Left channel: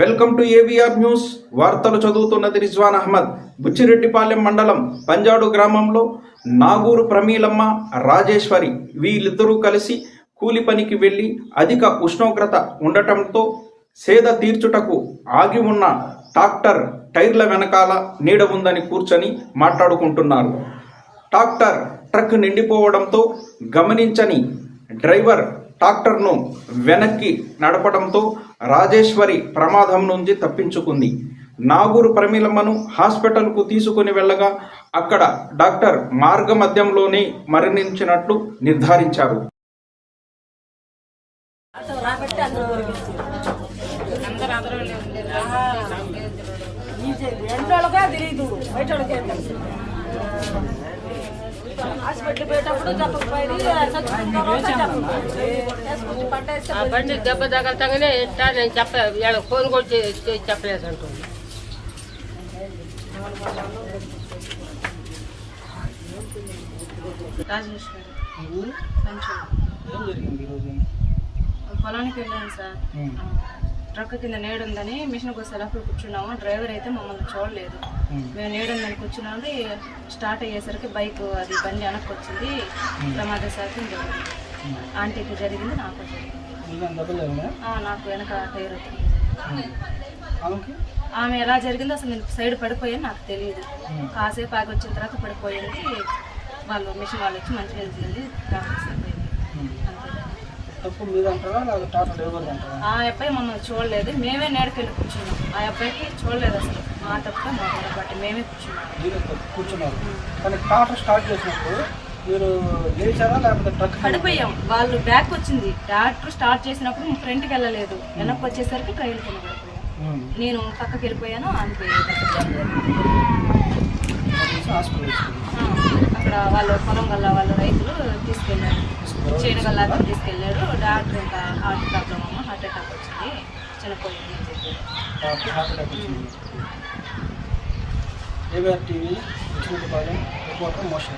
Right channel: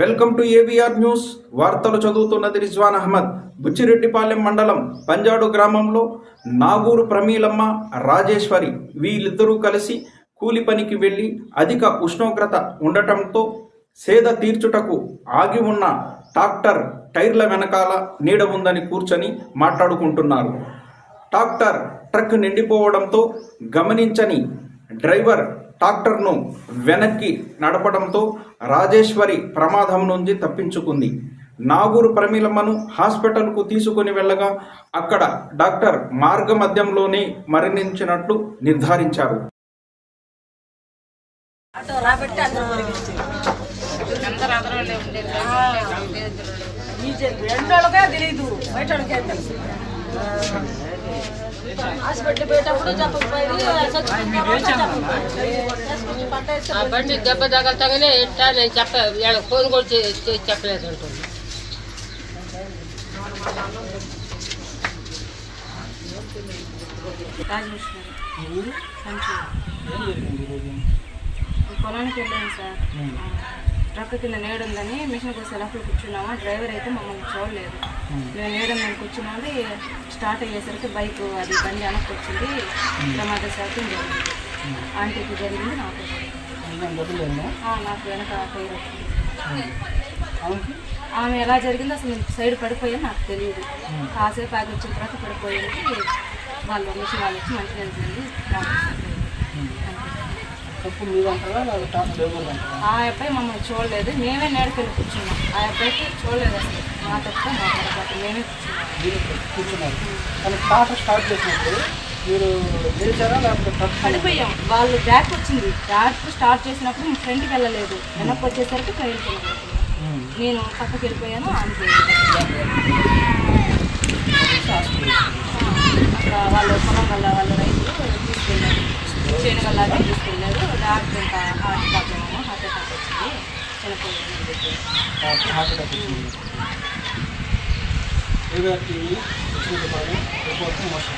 Welcome to AVR news వార్తలు చదువుతున్నది రిజ్వాన్ అహ్మద్. బుచ్చిరెడ్డిపాలెం మండలం పంజాడు గ్రామంలో నాగూరు ప్రమీలమ్మ రాజేశ్వరి వీళ్ళిద్దరూ కలిసి కూలి పనికి వెళ్ళి అధిక ఉష్ణోగ్రత ఉండటంతో సేద తీర్చుటకు ఆగి ఉన్న ట్రాక్టర్ టైర్ల వెనకాల నీడ ఉందని కూర్చొని మాట్లాడుకుంటున్నారు. ట్రాక్టర్ ట్రక్ నిండిపోవడంతో గమనించని డ్రైవర్ ట్రాక్టర్ను వెనక్కి నడపడంతో రాజేశ్వరి ప్రమాదం నుంచి తప్పించుకుంది. నాగూరు ప్రమీలమ్మను హాస్పిటల్కు తీసుకుని వెళ్ళగా అక్కడ డాక్టర్ మార్గమధ్యంలోనే మరణించినట్లు నిర్ధారించారు. తెలియదు హాస్పిటల్ పోయేటప్పుడు చెప్పకపోయి చచ్చిపోయిన తర్వాత చెప్పకపోయి పంట వేస్తే ఆ బండి దెబ్బ తగలతగానే ఎట్టా నేను చెప్ప ఫోన్ కూడా చెప్పలేదు అంటుంది. పొలానికి వెళ్ళాను సార్. ట్రక్ కింద నేడుందని మిషన్ కోసం సెలఫ్లో కూర్చున్నాము. డ్రైవర్ అయితే మమ్మల్ని చూడలేదు. మేము. నేడుందని కూర్చున్నాము. స్టార్ట్ అయ్యేసరికి బైక్ అది బండి వెనక్కి వచ్చింది. ప్రమాద శాతం జరిగింది. ఆంటీకి జరిగింది నాకు నాకు వెనక టైర్ వచ్చింది. ఆమె ఎలా జరిగిందో అసలు నేను సైడ్ పడిపోయాను నాకు తెలియదు. కాసేపు ఆగి వచ్చిన తర్వాత పడిపోయింది వాళ్ళు మిషన్ వాళ్ళు వచ్చి మంచి తెలిసింది తప్పు మీద అంటారా లేదా టాటా డ్రైవర్ అంటారా ఆ అబ్బాయి మమ్మల్ని చూడలేదు. మేమే నేడుకెళ్ళి కూర్చున్నాం. ఆ అబ్బాయికి చూడలేదు అసలు. మా తప్ప మా మేమే కూర్చున్నాం. కూర్చున్నారు. కానీ టాటా స్టార్ట్ చేసినప్పుడు మీరు లేచారా లేకపోతే ట్రక్ పడిపోయాం. వాళ్ళు బ్యాక్ వచ్చింది. బ్యాక్ స్టార్ట్ చేసినప్పుడు ఫ్రంట్కి వెళ్ళలేదు. వెనక్కి వచ్చేసరికి కైలు పడిపోయాం నేను పక్కకి వెళ్ళిపోయాను ఆమెకి అక్కడ వాళ్ళు పొలం వల్ల వాళ్ళ చేను వల్ల తీసుకెళ్ళారు. డాక్టర్ ఇంకా హార్ట్ ప్రాబ్లమ్ హార్ట్ అటాక్ వచ్చింది. చనిపోయింది రిపోర్ట్ మోసం